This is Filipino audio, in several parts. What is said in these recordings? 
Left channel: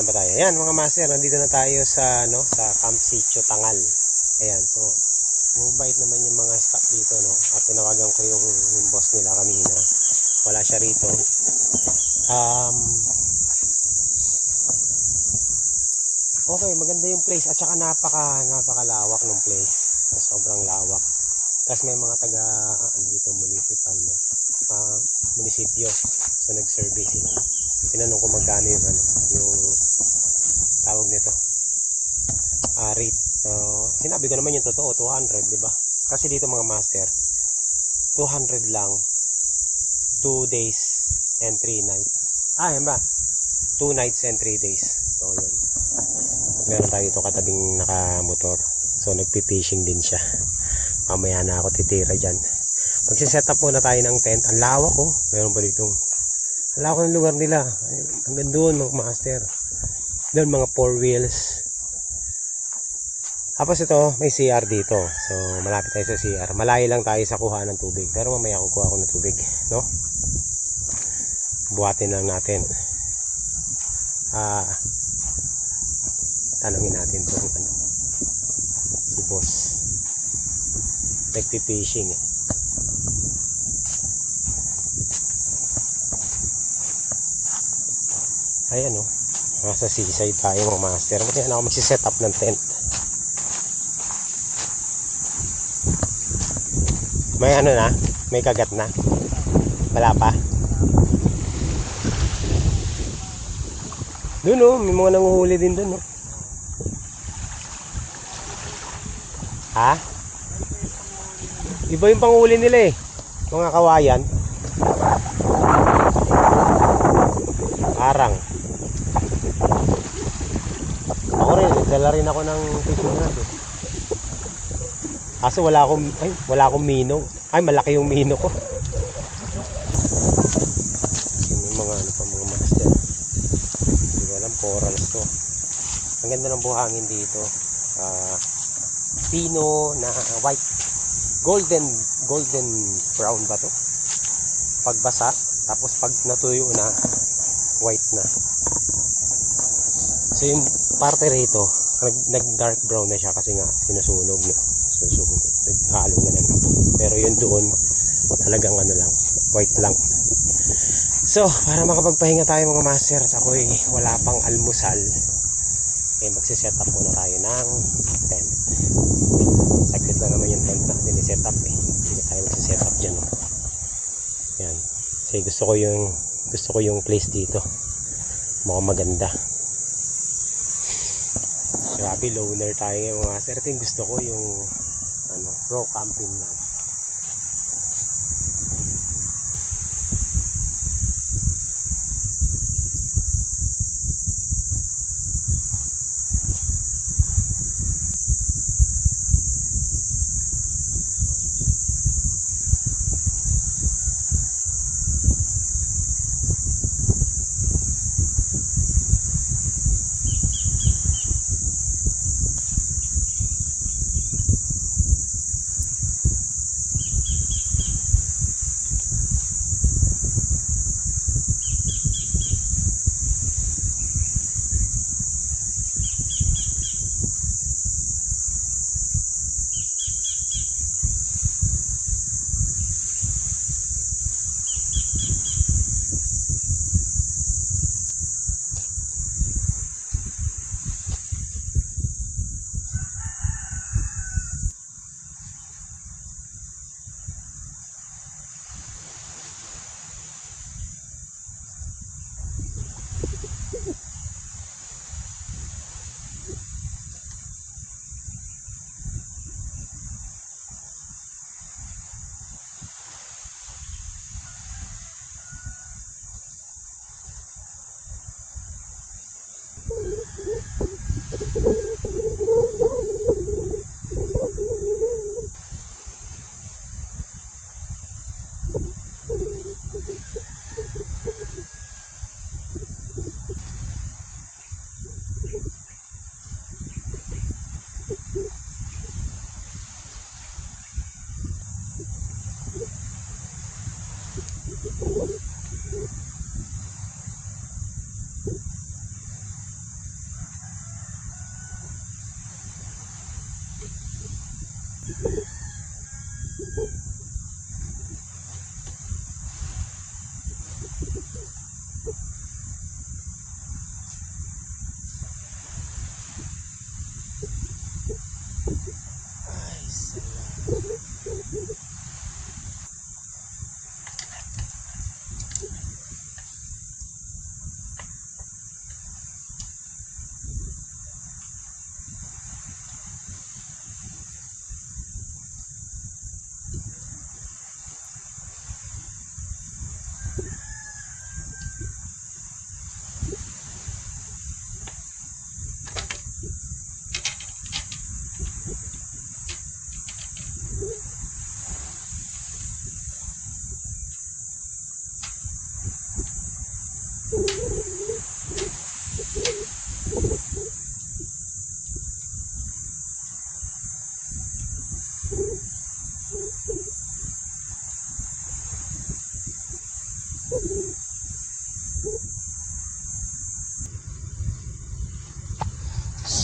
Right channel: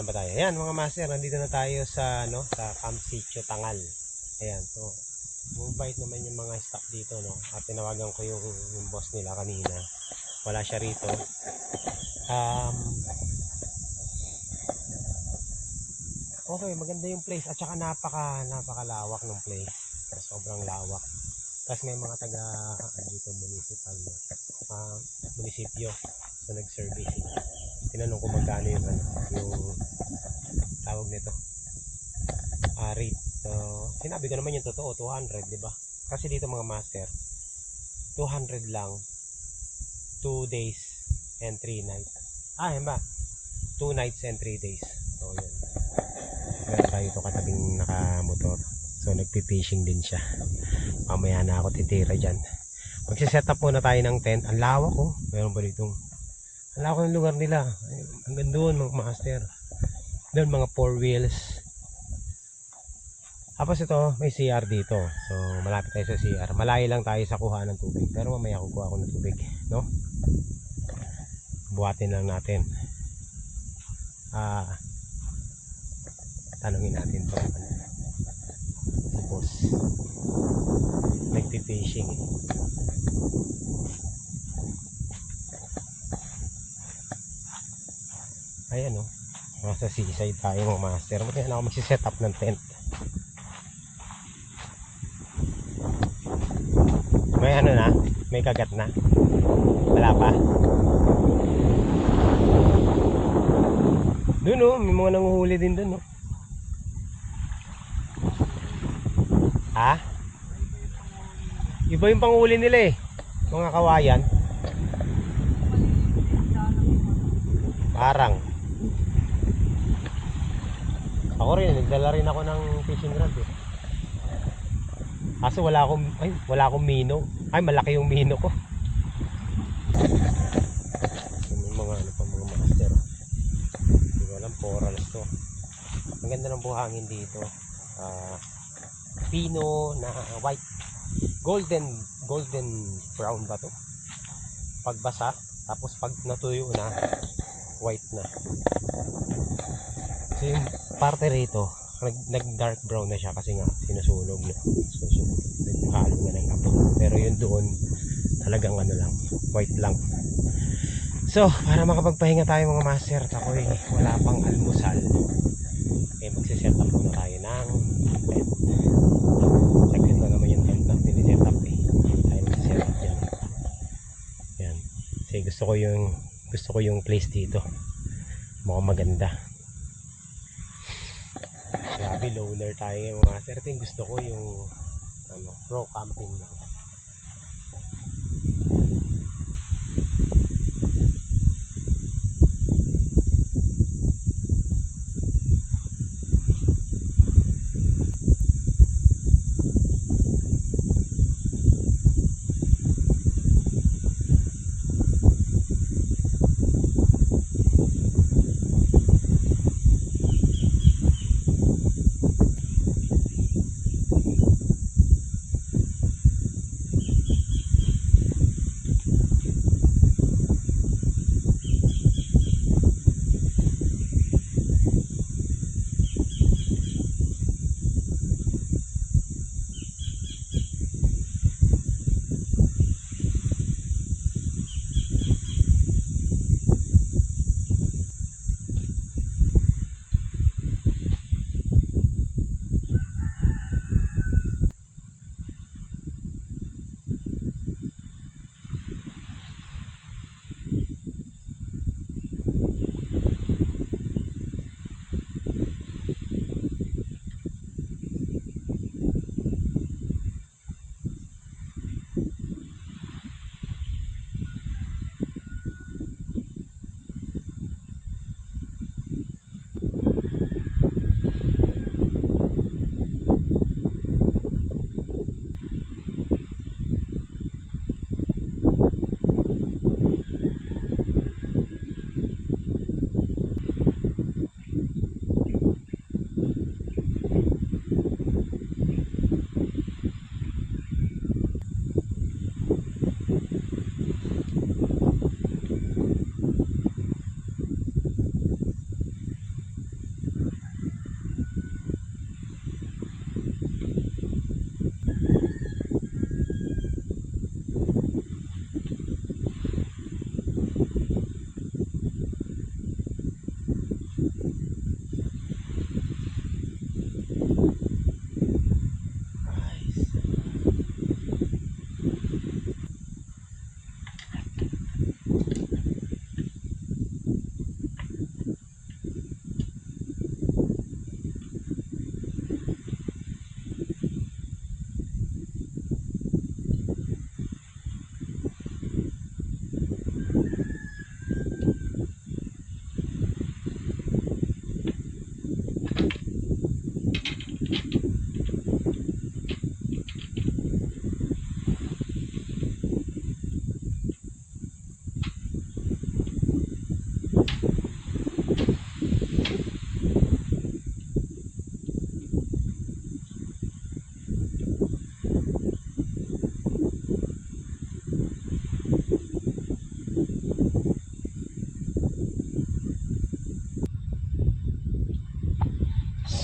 na ba tayo? Ayan mga master, nandito na tayo sa sa Camp Sitio Tangal. Ayan, so mabait naman yung mga staff dito, no? At tinawagan ko yung boss nila kanina. Wala siya rito. Okay, maganda yung place at saka napakalawak ng place. Sobrang lawak. Tapos may mga taga dito municipal, no? Munisipyo. So nag-survey sila. Tinanong ko magkano yung yung tawag nito. Rate. Sinabi ko naman yung totoo, 200, di ba? Kasi dito mga master, 200 lang, 2 days and 3 nights. Yan ba? 2 nights and 3 days. So yun. At meron tayo ito katabing nakamotor. So nagpi-fishing din siya. Mamaya na ako titira dyan. Magsiset up muna tayo ng tent. Ang lawak, oh. Meron pa ditong ang lawak ng lugar nila. Hanggang doon mga master. Doon mga 4 wheels. Tapos ito, may CR dito. So, malapit tayo sa CR. Malayo lang tayo sa kuha ng tubig. Pero mamaya kukuha ako ng tubig, no? Buhatin lang natin. Tanungin natin to si boss. Nagpi-fishing eh. Ayan, oh. Nasa seaside tayo mga master. Mamaya na ako magsiset up ng tent. May na? May kagat na? Wala pa? Doon, oh, may mga nanguhuli din doon, oh. Ha? Iba yung panghuli nila eh. Mga kawayan. Parang. Ako rin, nagdala rin ako ng fishing rod eh. Kaso wala akong mino. Ay, malaki yung mino ko. Yung mga mga master. Hindi ko alam, corals to. Ang ganda ng buhangin dito. Pino na white. Golden brown ba to? Pagbasa, tapos pag natuyo na, white na. So yung parte rito, nag dark brown na siya kasi nga sinusunog, no? Susunog. Naghalo na ng apo. Pero yun doon talagang lang, white lang. So, para makapagpahinga tayo mga master at ako'y wala pang almusal, magsiset up muna tayo ng tent. Saglit na naman yung tent natin i-set up eh. Hindi tayo magsiset up dyan. Yan. Kasi gusto ko yung place dito. Mukhang maganda. Grabe, loner tayo ngayon mga master. Gusto ko yung raw camping lang.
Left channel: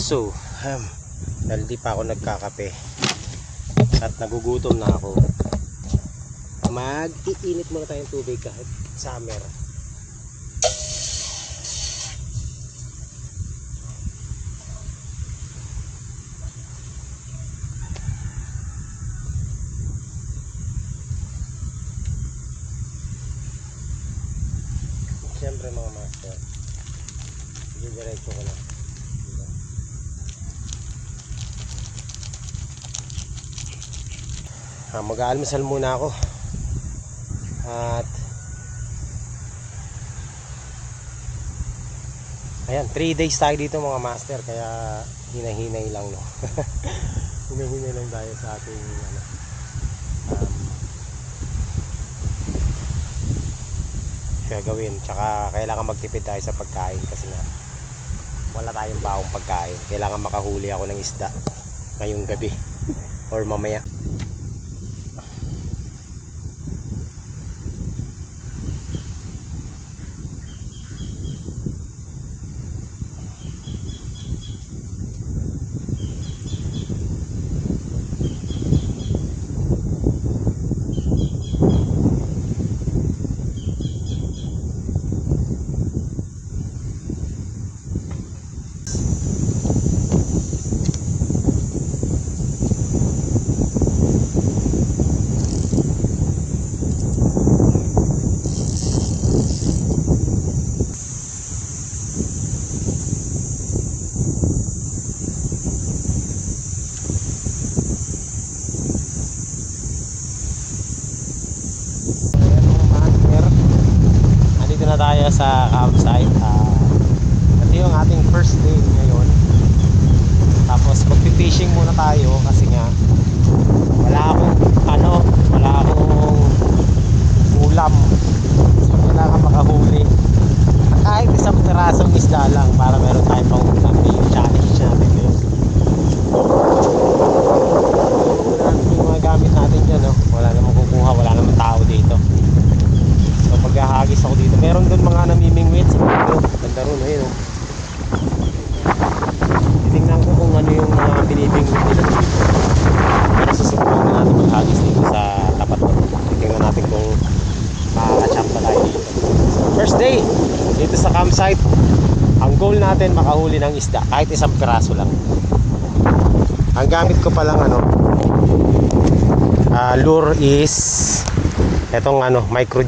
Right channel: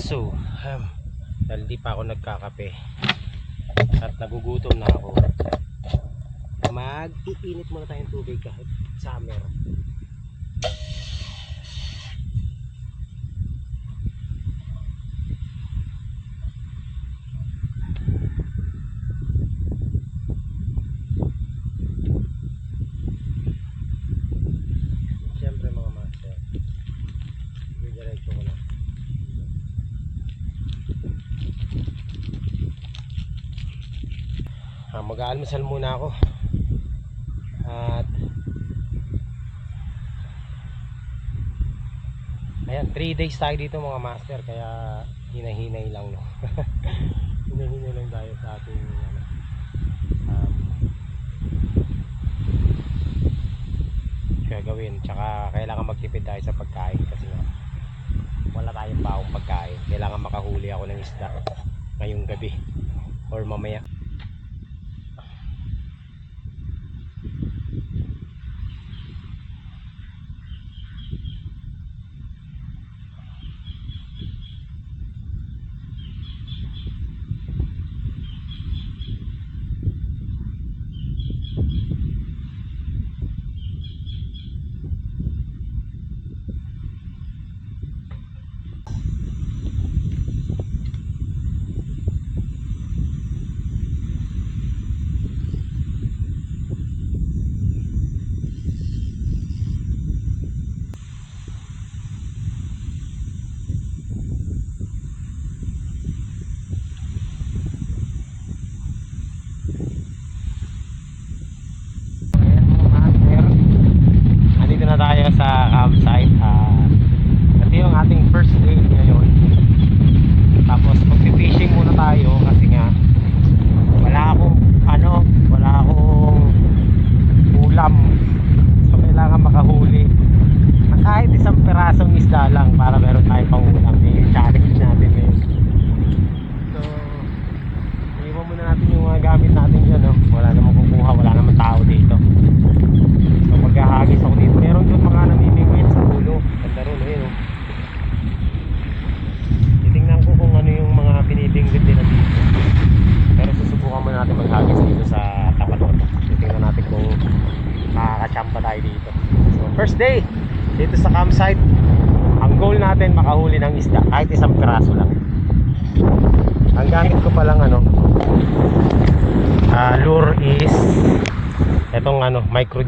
So, dahil di pa ako nagkakape at nagugutom na ako, mag-iinit muna tayong tubig kahit summer. Siyempre mga master, diretso ko na. Mag-aalmusal muna ako at ayan, 3 days tayo dito mga master, kaya hinahinay lang, no. Hinahinay lang tayo sa ating gagawin, tsaka kailangan magtipid tayo sa pagkain kasi nga wala tayong baong pagkain. Kailangan makahuli ako ng isda ngayong gabi or mamaya. Na tayo sa campsite. Ito yung ating first day ngayon. Tapos magpi-fishing muna tayo kasi nga wala akong ulam. So kailangan makahuli kahit isang pirasong isda lang para meron tayong pang-ulam. Yung challenge natin ngayon. Iwan natin yung mga gamit natin dyan, no? Wala namang kukuha, wala namang tao dito. So maghahagis ako dito. Meron doon mga namimingwit sa dito. Ganda ron, ayun. Tingnan ko kung ano yung mga binibingwit nila dito. Pero susubukan natin maghagis dito sa tapat ko. Tingnan natin kung makakachamba tayo dito. So first day dito sa campsite. Ang goal natin makahuli ng isda kahit isang piraso lang. Ang gamit ko palang lure is etong micro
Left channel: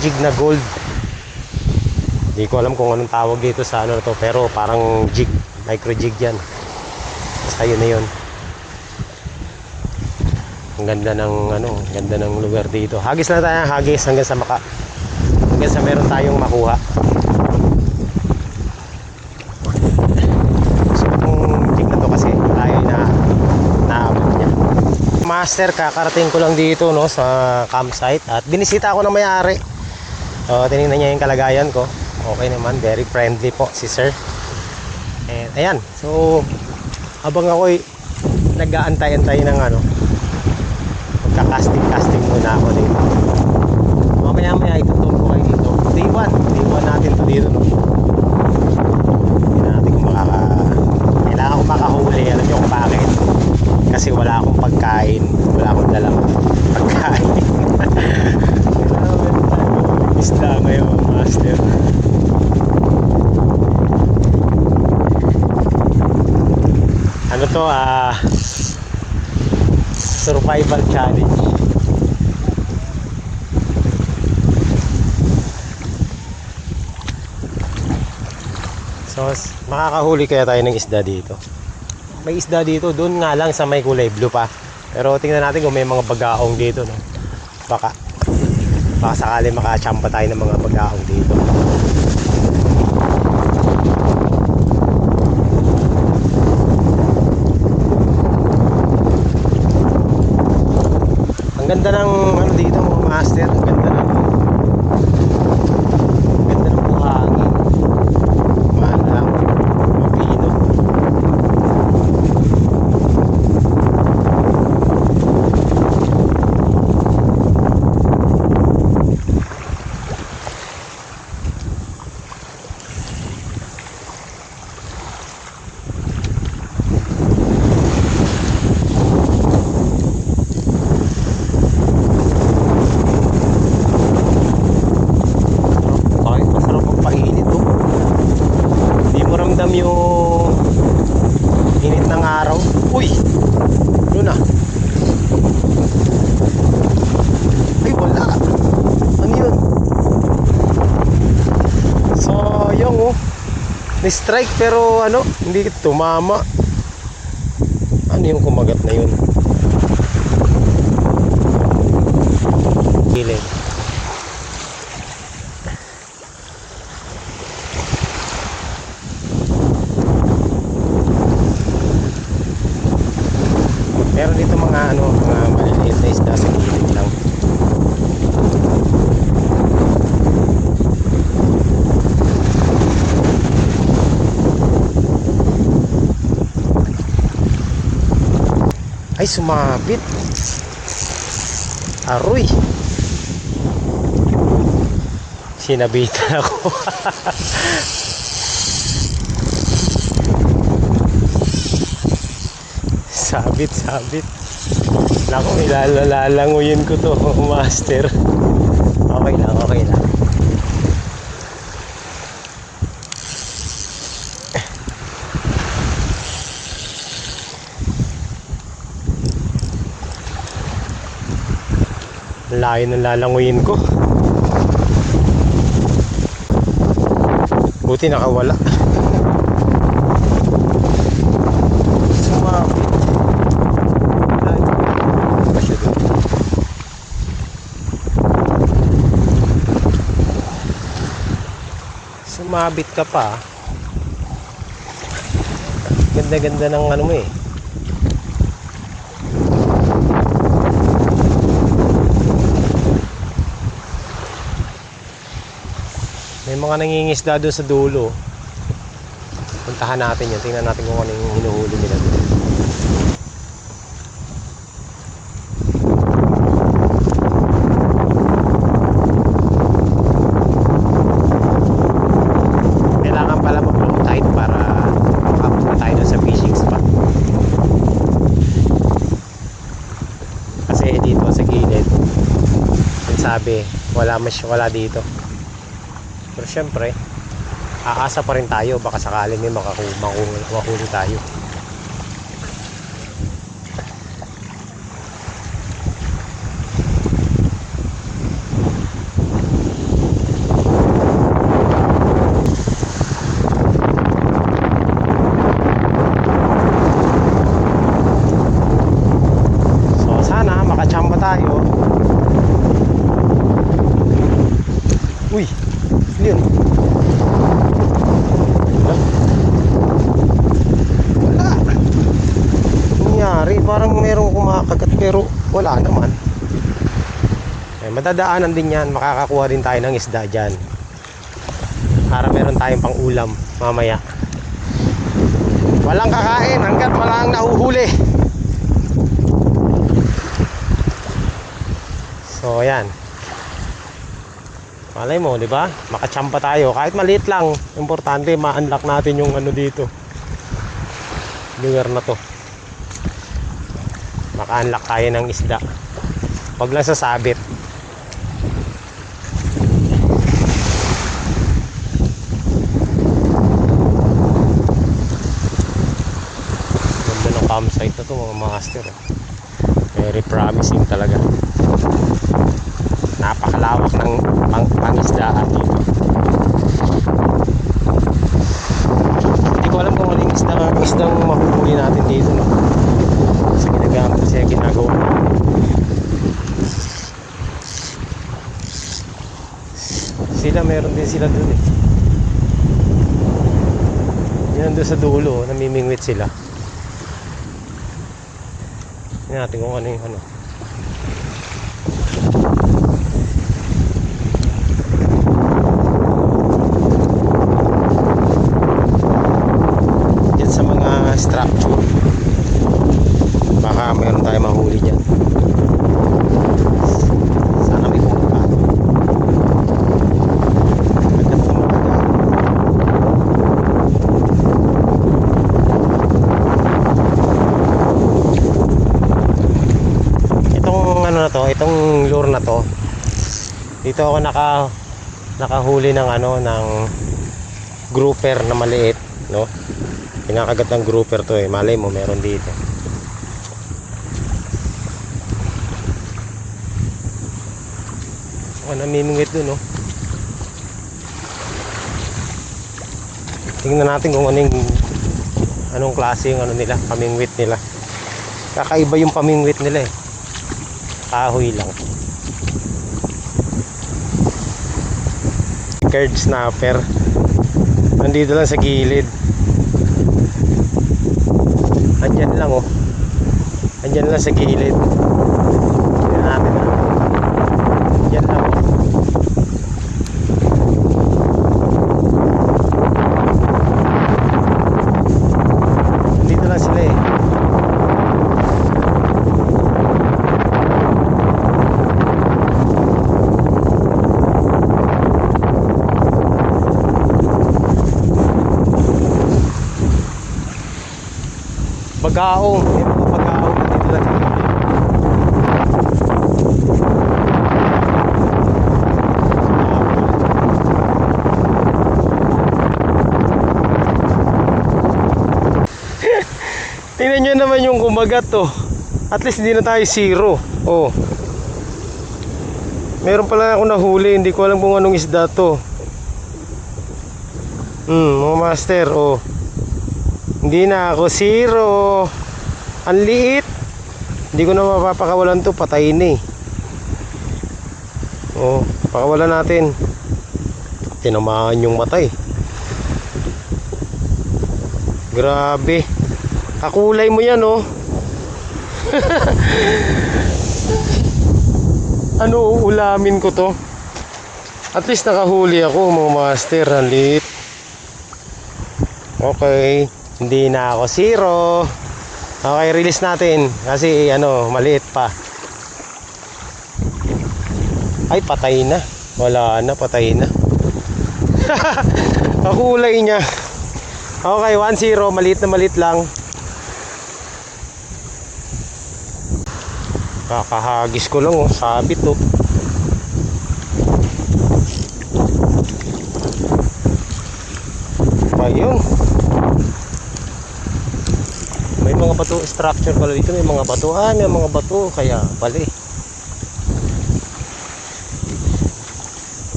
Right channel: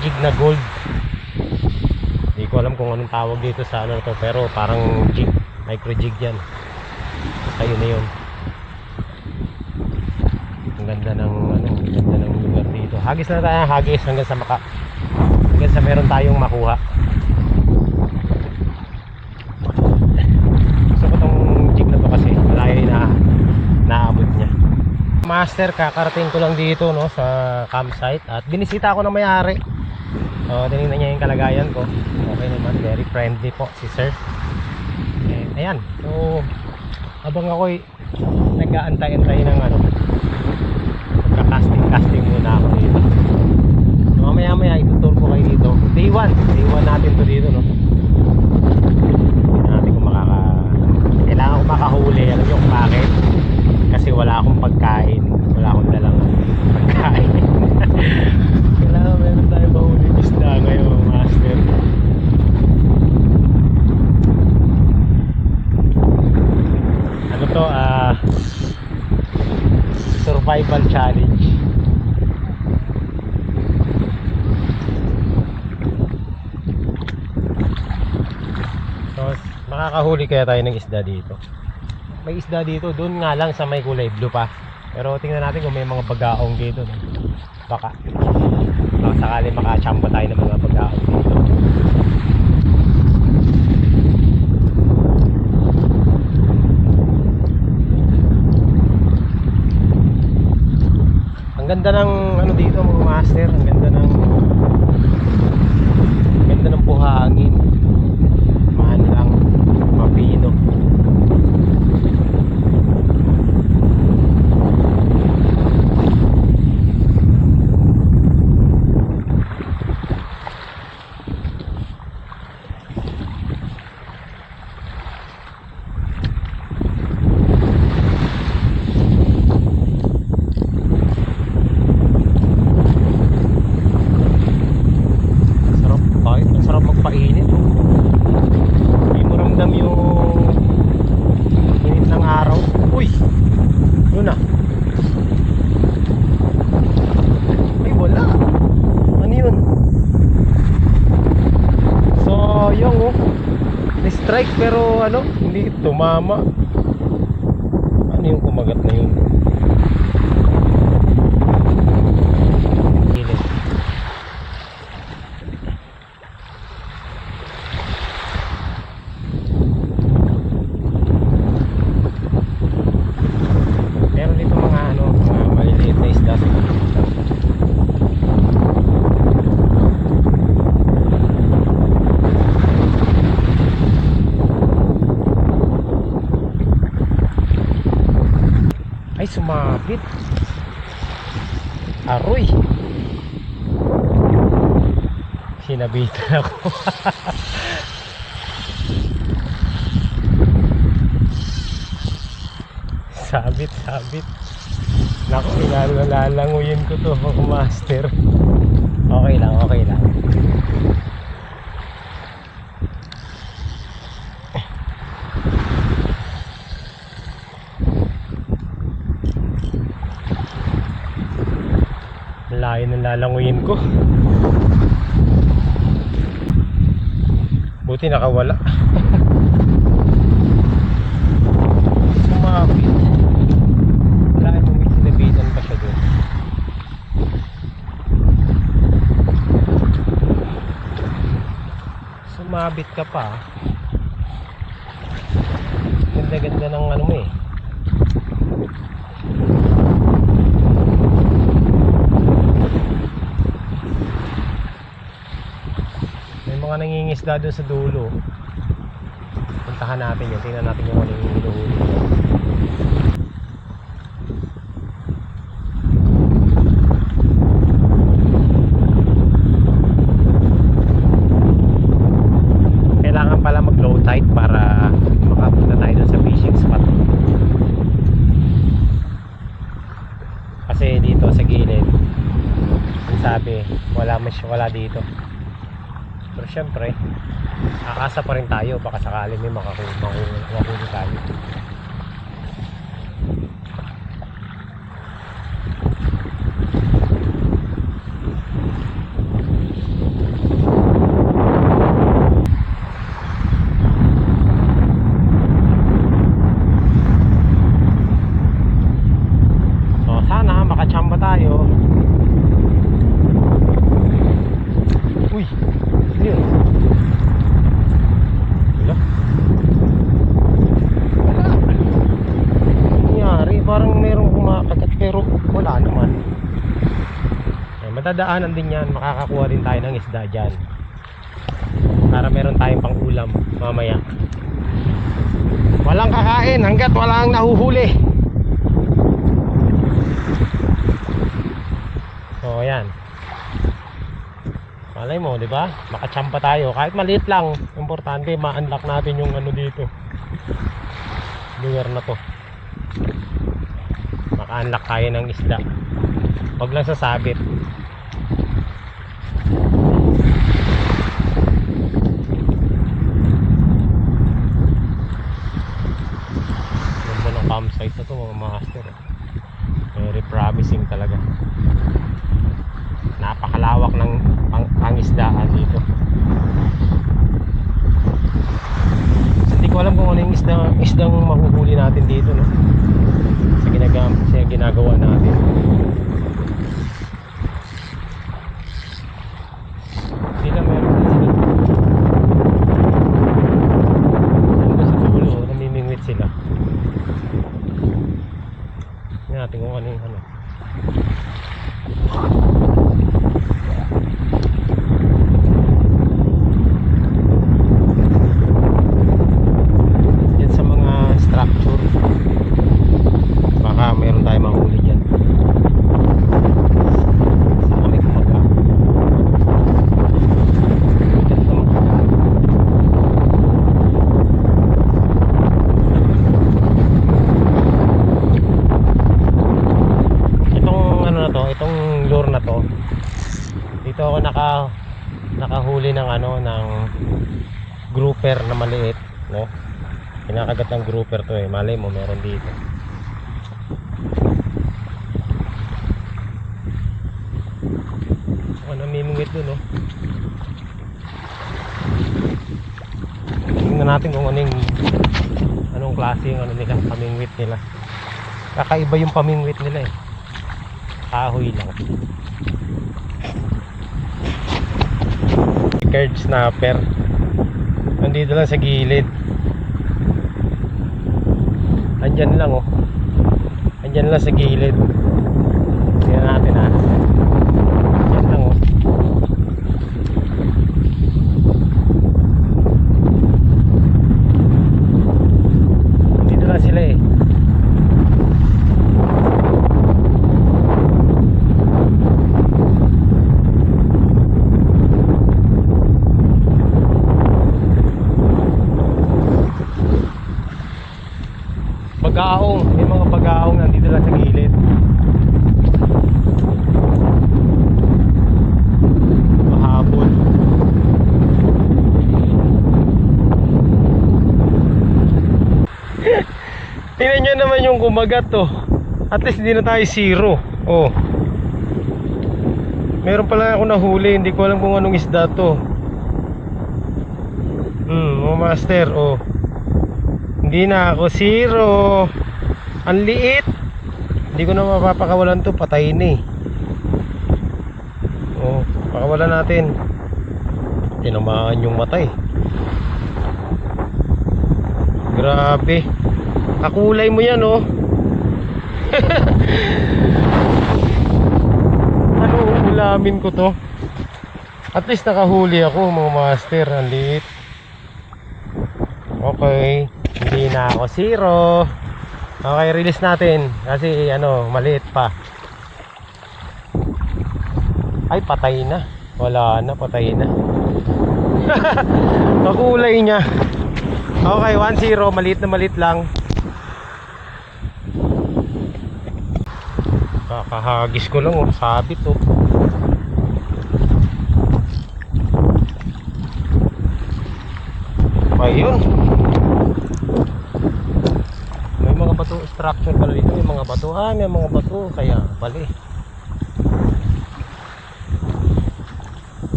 jig na gold. Hindi ko alam kung anong tawag dito sa to, pero parang jig, micro jig yan. Basta yun na yun. Ang ganda ng lugar dito. Hagis na tayo, hagis hanggang sa meron tayong makuha. So itong jig na to kasi malayo na naabot niya. Master, kakarating ko lang dito, no, sa campsite at binisita ako ng may-ari. Tinignan niya yung kalagayan ko. Okay naman, very friendly po si sir. And ayan, so habang ako'y nag-aantay-antay ng magka-casting muna ako dito. Mamaya ituturo ko kayo dito. Day 1 natin to dito, no. Hindi natin kung kailangan ko makahuli. Alam niyo kung bakit? Kasi wala akong pagkain, wala akong dalang pagkain. Kailangan meron tayo mahuling isda ngayon, master. Ano to, survival challenge. So makakahuli kaya tayo ng isda dito. May isda dito, doon nga lang sa may kulay blue pa. Pero tingnan natin kung may mga bagaong dito, no? Baka sakali makachamba tayo ng mga bagaong dito. Ang ganda ng dito mga master. Ang ganda ng buhangin. Lang mapino. strike pero ano, hindi tumama. Ano yung kumagat na yun? Piling. Pero dito mga ano, mga maliliit na isda sa gilid lang. Ay, sumabit. Aroy. Sinabitan ako. Sabit. Naku, ilalalanguyin ko to, master. Okay lang. Layo ng lalanguyin ko. Buti nakawala. Sumabit. Layo. Dito pa siya dun. Sumabit ka pa. Ganda-ganda ng ano mo eh. May mga nangingisda doon sa dulo. Puntahan natin yun. Tingnan natin kung ano yung hinuhuli nila. Kailangan pala mag-low tide para makapunta tayo doon sa fishing spot. Kasi dito sa gilid, ang sabi, wala dito. Pero syempre, aasa pa rin tayo, baka sakaling may makahuli tayo. So sana makachamba tayo. Uy, yun. Wala. Nangyari, parang merong kumakagat pero wala naman. Eh, madadaanan din yan, makakakuha din tayo ng isda dyan para meron tayong pang ulam mamaya. Walang kakain hanggat walang nahuhuli. So ayan, malay mo, di ba? Makachamba tayo kahit maliit lang. Importante ma-unlock natin yung ano dito, lugar na to. Maka-unlock tayo ng isda. Wag lang sasabit. Ganda ng campsite na to mga master. Very promising talaga. Napakalawak ng pangisdaan. Hindi ko alam kung ano yung isdang mahuhuli natin dito, no? Kasi ginagawa natin. Meron din sila doon. Yan doon sa dulo, namimingwit sila. Tingnan natin kung ano yung ano. Diyan sa mga structure, baka mayroon tayo mahuli dyan. Sana may kumakain. Ganda magdagaan. Itong ano na to, itong lure na to, dito ako nakahuli ng ano, ng grouper na maliit, no? Pinakagat ng grouper to eh. Malay mo meron dito. So namimingwit dun, no? Tingnan natin kung anong klase yung ano nila, pamingwit nila. Kakaiba yung pamingwit nila eh. Kahoy lang. Curd snapper. Nandito lang sa gilid. Andyan lang oh. Andyan lang sa gilid. Tingnan natin ah. Andyan lang oh. Dito lang sila eh. Bagaong, may mga bagaong nandito lang sa gilid. Tingnan nyo naman yung kumagat to. At least hindi na tayo zero. Oh. Meron pala ako nahuli, hindi ko alam kung anong isda to. Mga master, oh. Hindi na ako zero. Ang liit. Hindi ko na mapapakawalan to, patay na eh. Oh, pakawalan natin. Tinamaan yung matay. Grabe. Kakulay mo yan oh. Ano ulamin ko to? At least nakahuli ako mga master. Ang liit. Okay, hindi na ako zero. Okay, release natin kasi ano, maliit pa. Ay, patay na. Wala na, patay na. Kakulay niya. Okay, 1-0, maliit na maliit lang. Kakahagis ko lang oh, sabit oh. Ayun. May mga bato structure pala dito, may mga bato. May mga bato kaya pala eh.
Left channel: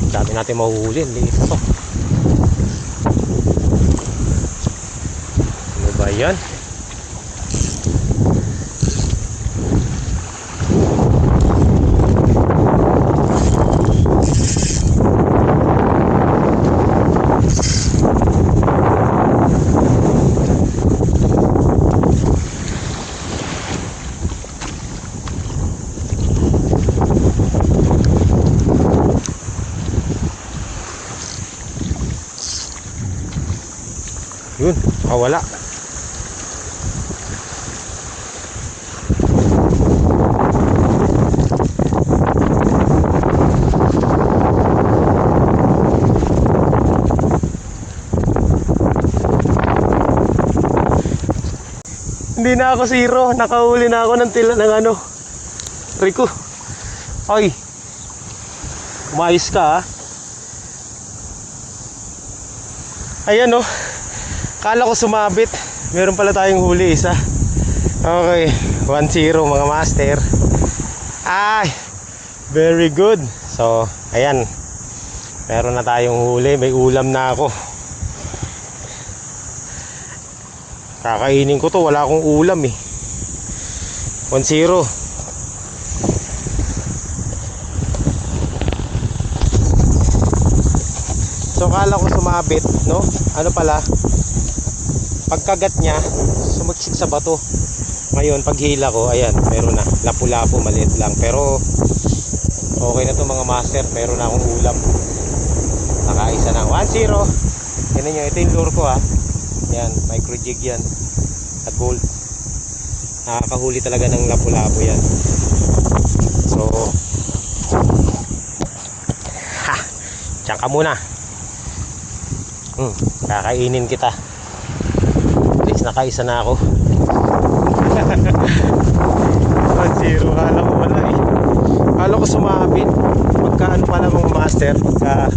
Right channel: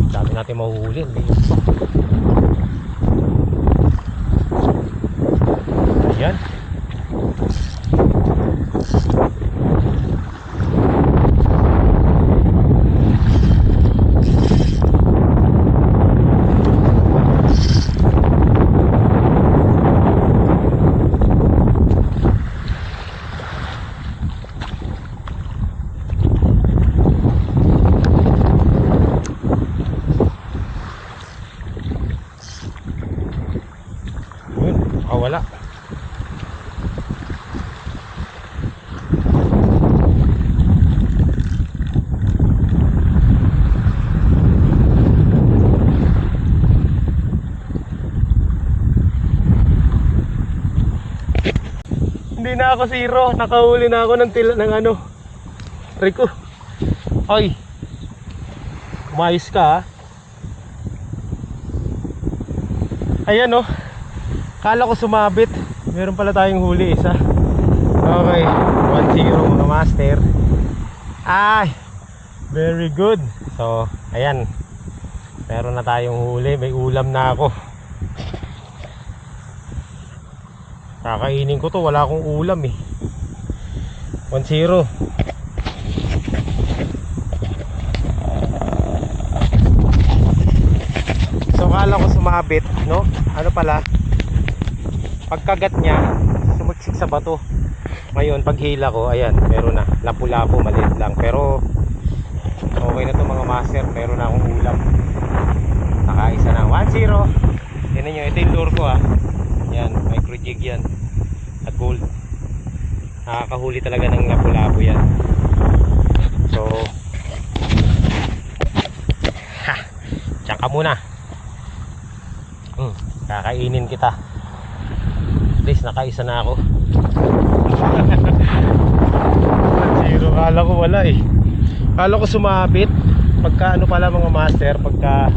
Dami natin mahuhuli, liso. Ayan. Yun, wala. Hindi na ako zero, nakahuli na ako ng tila ng ano. Rico. Ay. Umayos ka ha. Ayan oh. Kala ko sumabit. Meron pala tayong huli isa. Okay, 1-0 mga master. Ay, very good. So, ayan. Meron na tayong huli, may ulam na ako. Kakainin ko to, wala akong ulam eh. 1-0. So kala ko sumabit, no? Ano pala? Pagkagat niya, sumiksik sa bato. Ngayon, paghila ko, ayan, meron na. Lapu-lapu, maliit lang. Pero, okay na to mga master. Meron na akong ulam. Nakaisa na. 1-0. Tignan nyo, ito yung lure ko ha. Yan, micro jig yan. At gold. Nakakahuli talaga ng lapu-lapu yan. So, ha! Diyan ka muna. Kakainin kita. At least nakaisa na ako. 1-0. Kala ko wala eh. Kala ko sumabit. Pagka ano pala mga master, pagka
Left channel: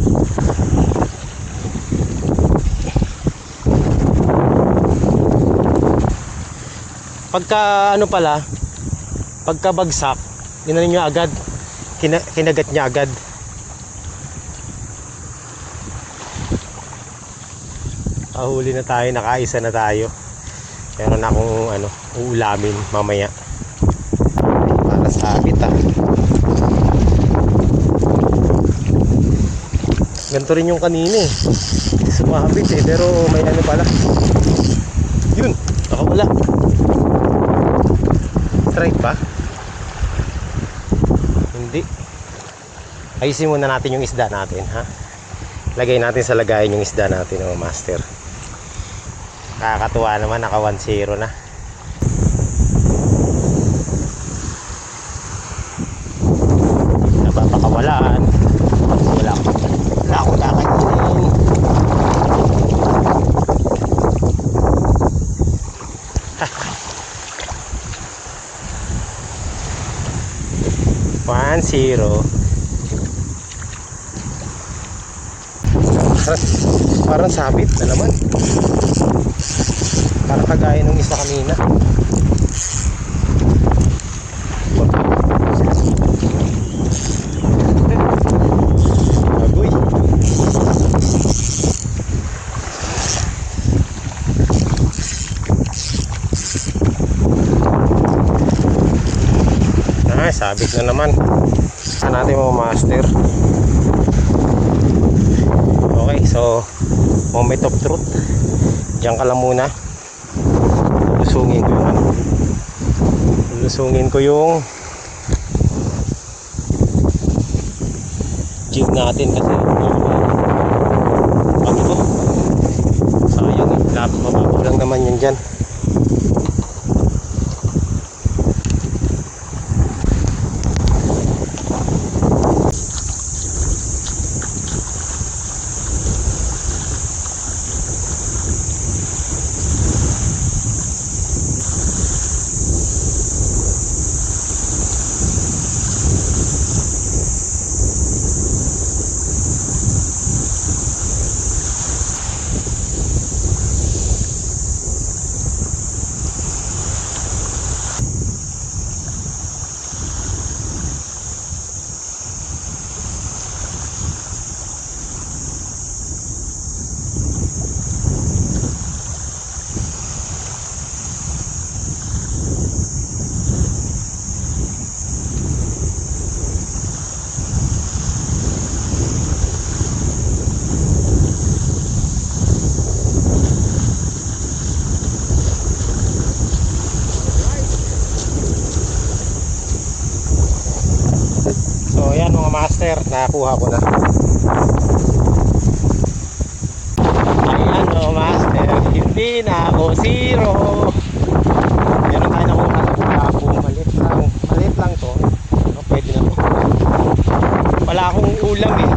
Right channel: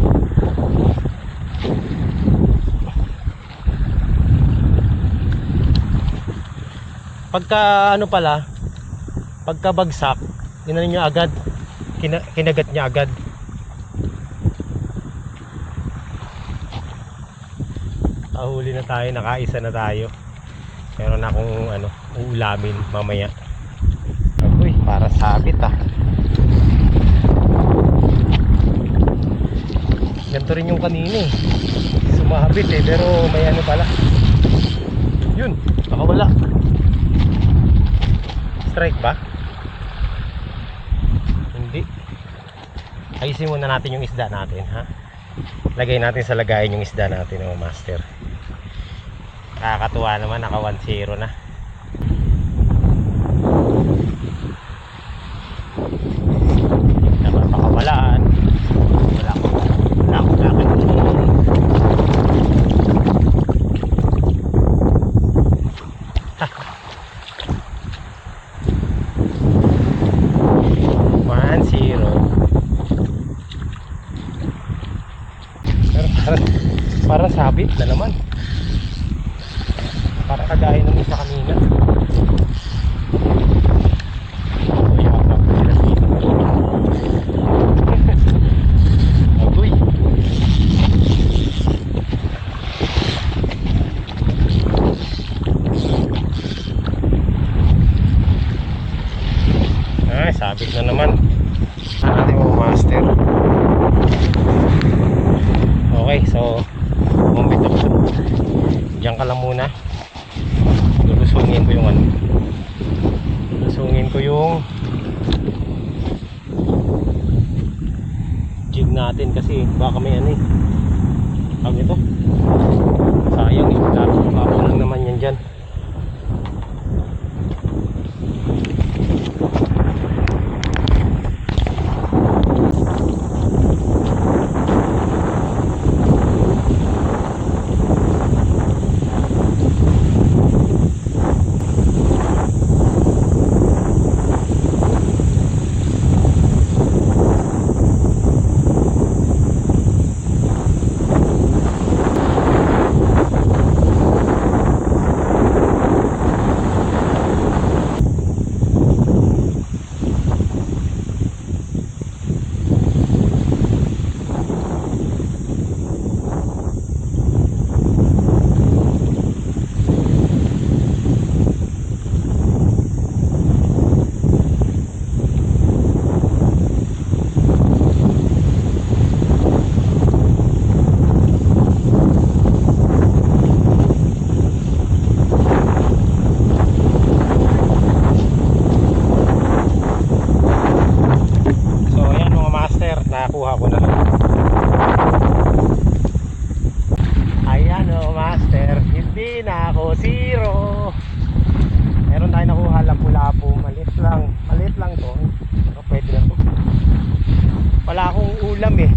ano pala, pagka bagsak, inanin niya agad, kinagat niya agad. Nakahuli na tayo, nakaisa na tayo. Meron akong ano, uulamin mamaya. Ay, para sabit ah. Ganito rin yung kanina eh. Sumabit eh, pero may ano pala. Yun, nakawala. Strike ba? Hindi. Ayusin muna natin yung isda natin, ha? Lagay natin sa lagayan yung isda natin, oh, master. Nakakatuwa naman, naka 1-0 na. Napapakawalaan. Wala akong kakainin. One, zero. Parang sabit na naman. Parang kagaya ng isa kanina. Agoy. Ay, sabit na naman. Saan natin mga master? Okay, so moment of truth. Diyan ka lang muna. Lulusungin ko yung ano. Lulusungin ko yung jig natin kasi baka may ano. Bago ko. Sayang eh. Lapit mababaw lang naman yan dyan. Nakakuha ko na. Ayan o master, hindi na ako zero. Meron tayo nakuha na lapo. Maliit lang to. Pwede na to. Wala akong ulam eh.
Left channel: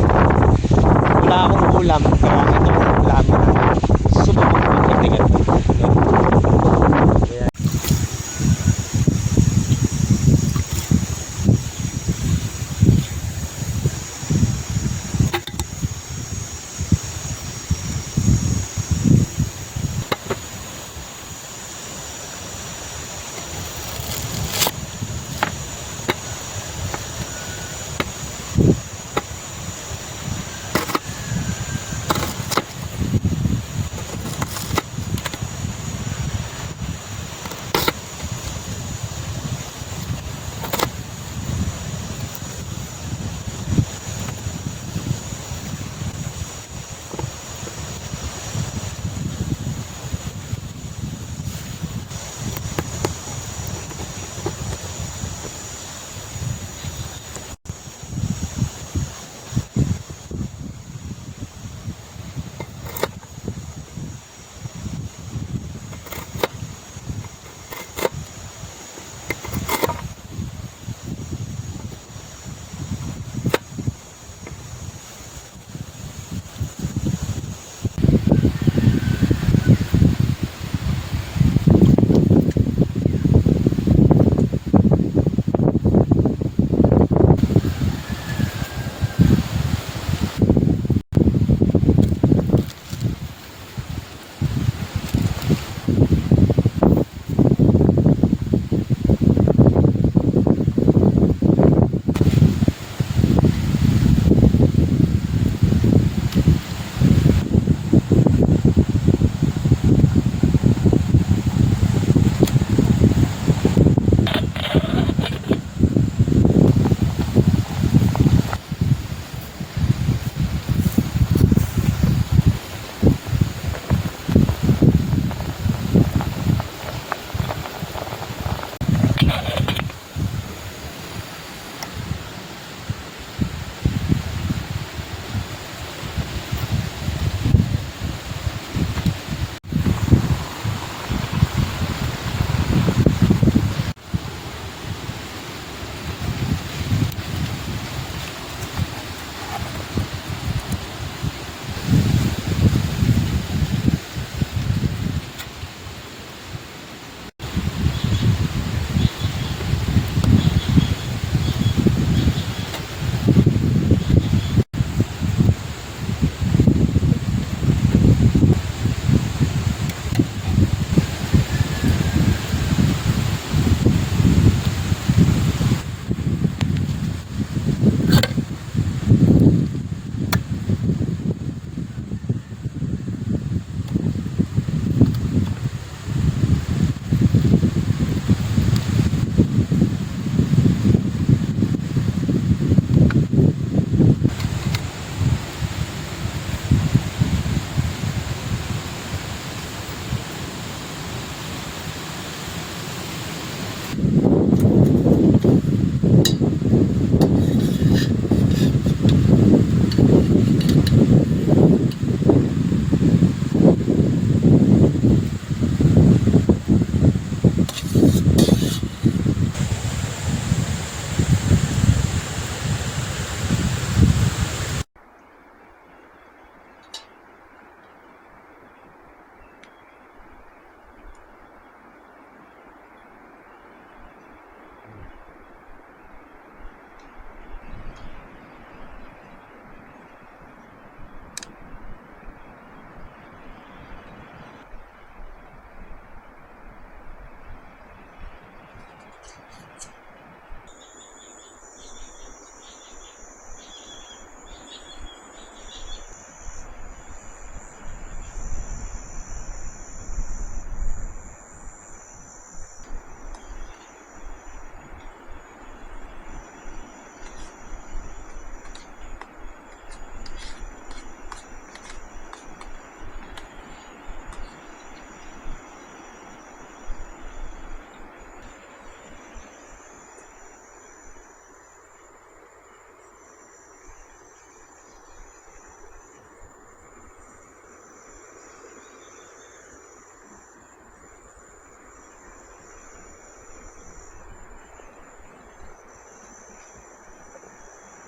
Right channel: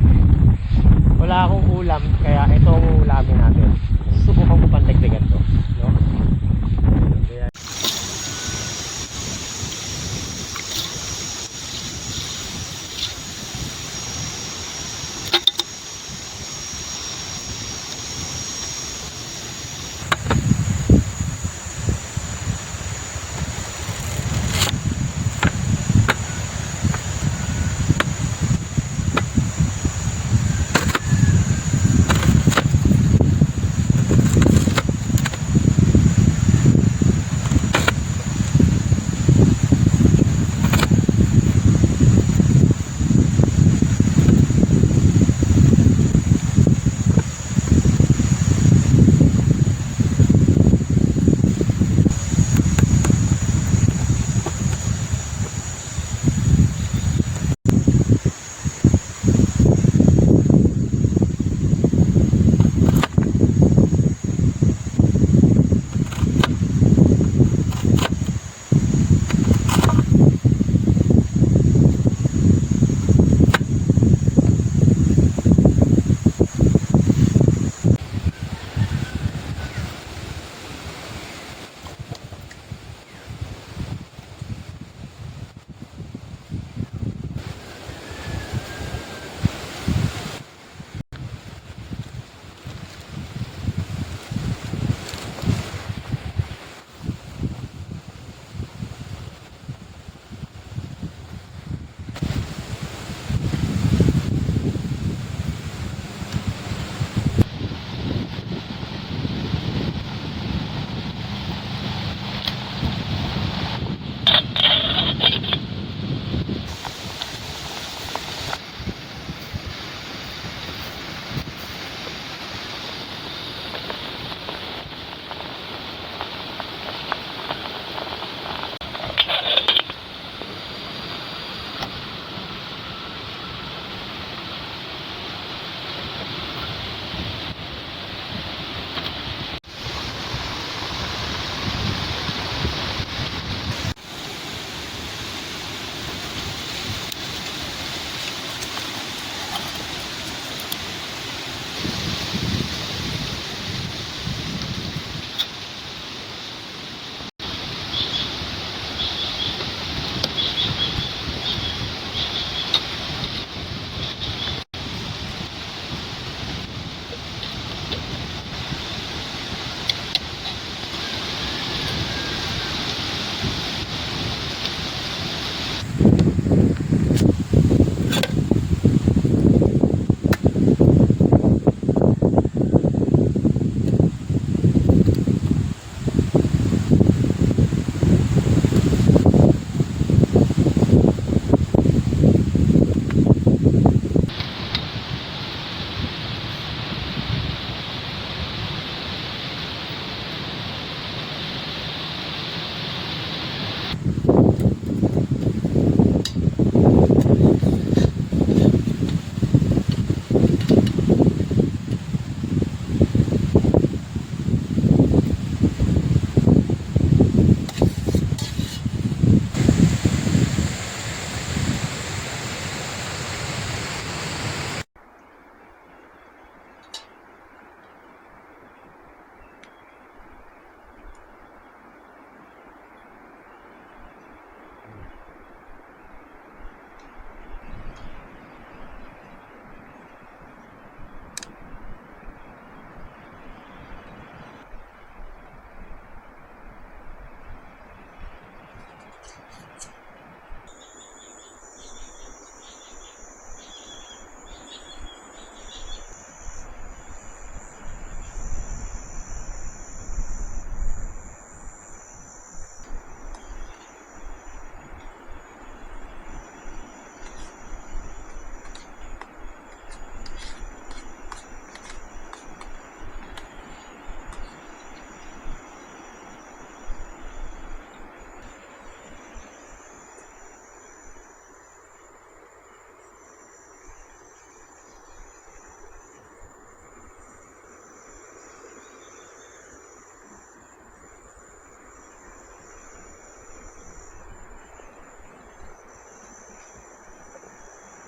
Wala akong ulam, kaya ito ang ulamin natin. Subukan ko magdagdagan ko.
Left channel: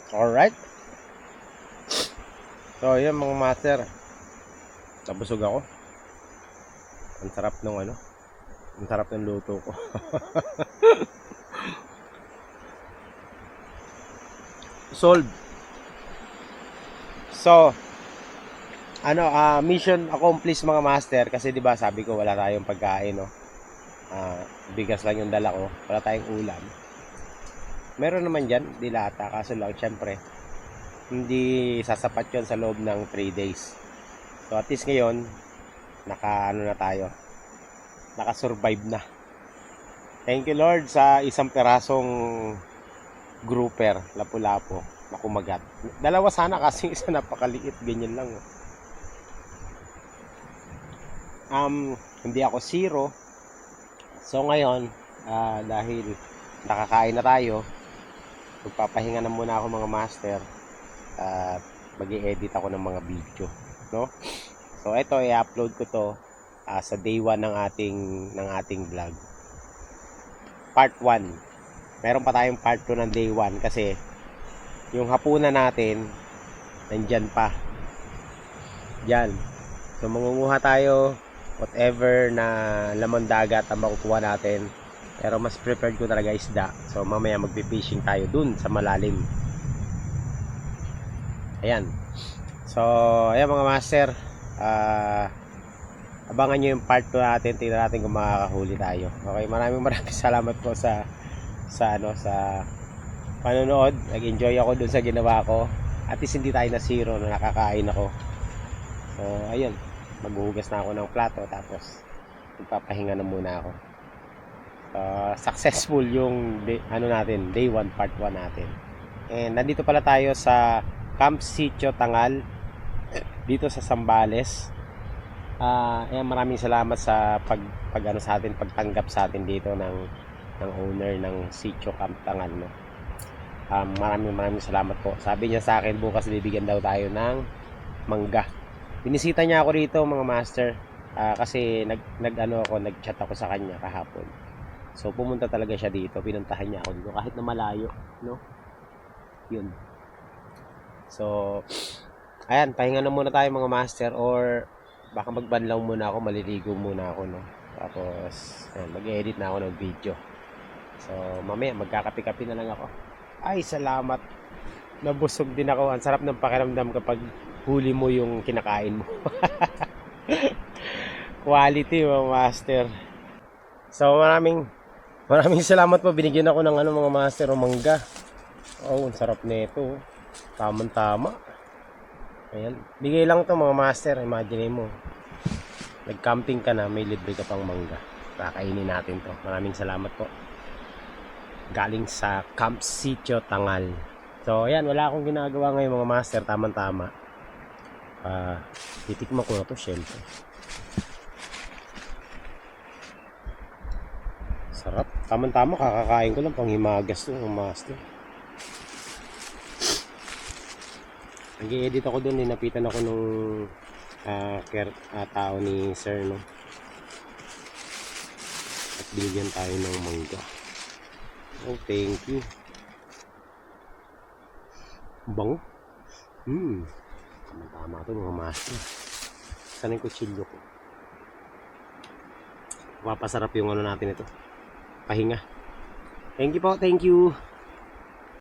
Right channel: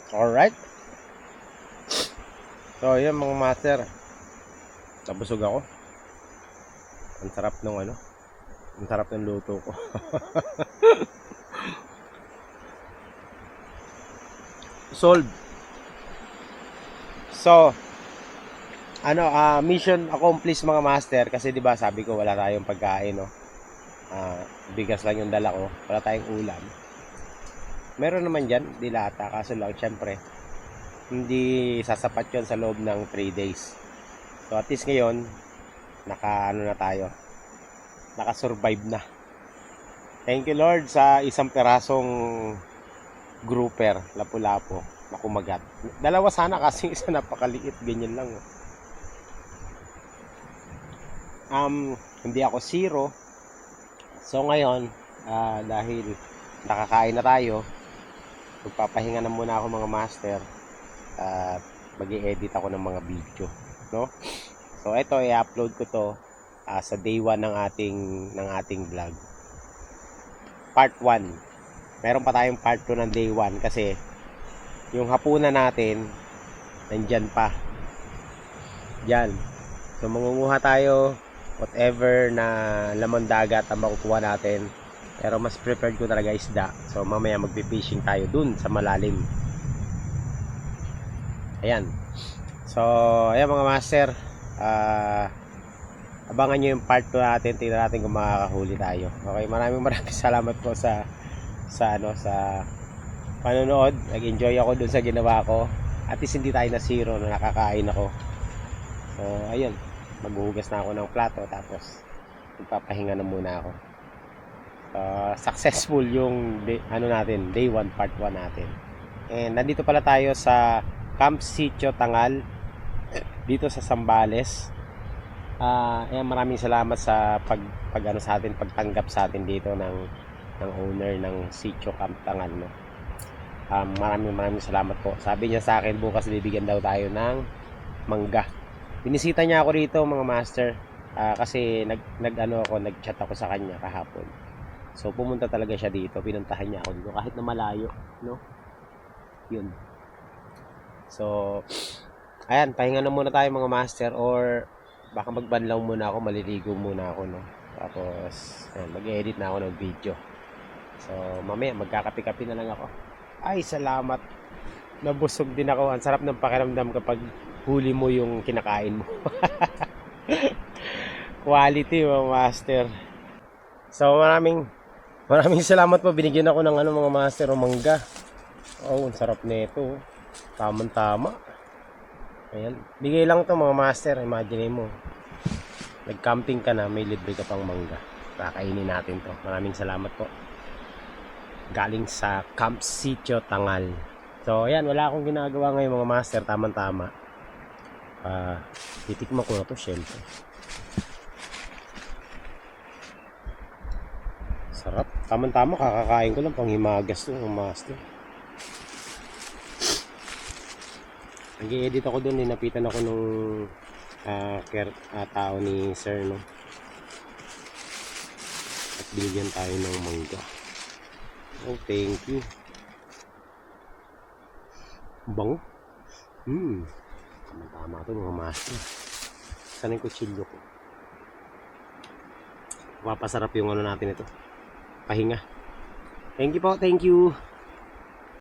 Alright. So, yan mga master. Nabusog ako. Ang sarap ng ano. Ang sarap ng luto ko. Solved. So, mission accomplished mga master. Kasi 'di ba sabi ko wala tayong pagkain, no? Bigas lang yung dala ko. Wala tayong ulam. Meron naman diyan, dilata. Kaso lang, syempre, hindi sasapat yon sa loob ng 3 days. So, at least ngayon, naka-survive na. Thank you Lord sa isang perasong grouper, lapu-lapo, na kumagat. Dalawa sana kasi isa napakaliit, ganyan lang. Hindi ako zero. So ngayon, dahil nakakain na tayo, magpapahinga na muna ako mga master at mag-i-edit ako ng mga video, no? So ito, i-upload ko to sa day 1 ng ating vlog. Part 1. Meron pa tayong part 2 ng day 1 kasi yung hapunan natin nandyan pa. Diyan. So mangunguha tayo whatever na lamang dagat ang makukuha natin. Pero mas preferred ko talaga isda. So mamaya magpi-fishing tayo dun sa malalim. Ayan. So ayan mga master. Abangan nyo yung part 2 natin. Tingnan natin kung makakahuli tayo. Okay, maraming salamat po sa panonood. Nag-enjoy ako dun sa ginawa ko. At least hindi tayo na zero na nakakain ako. So ayun, maghuhugas na ako ng plato tapos magpapahinga na muna ako. Successful yung day 1 part 1 natin. And nandito pala tayo sa Camp Sitio Tangal dito sa Zambales. Maraming salamat sa pagtanggap sa atin dito ng owner ng Sitio Camp Tangal, no? Maraming salamat po. Sabi niya sa akin bukas bibigyan daw tayo ng mangga. Binisita niya ako rito mga master kasi nag-chat ako sa kanya kahapon. So pumunta talaga siya dito, pinuntahan niya ako dito kahit na malayo, no? Yun. So ayan, pahinga na muna tayo mga master, or baka magbanlaw muna ako, maliligo muna ako, no? Tapos mag-edit na ako ng video. So mamaya magkakape-kape na lang ako. Ay, salamat. Nabusog din ako. Ang sarap ng pakiramdam kapag huli mo yung kinakain mo. Quality mga master. So maraming salamat po. Binigyan ako ng mga master o mangga. Oh, ang sarap nito. Tamang-tama. Ayan. Bigay lang to mga master. Imagine mo. Nag-camping ka na, may libre ka pang mangga. Kakainin natin to. Maraming salamat po. Galing sa Camp Sitio Tangal. So ayan, wala akong ginagawa ngayon mga master. Tamang-tama. Titikman ko na to syempre. Sarap. Tamang-tama, kakakain ko lang panghimagas to mga master. Nag-i-edit ako doon, ninapitan ako nung tao ni sir, no? At binigyan tayo ng mangga. Oh, thank you. Bango. Tama ito mga master. Saan yung kutsilyo ko? Papasarap yung natin ito. Pahinga. Thank you po, thank you.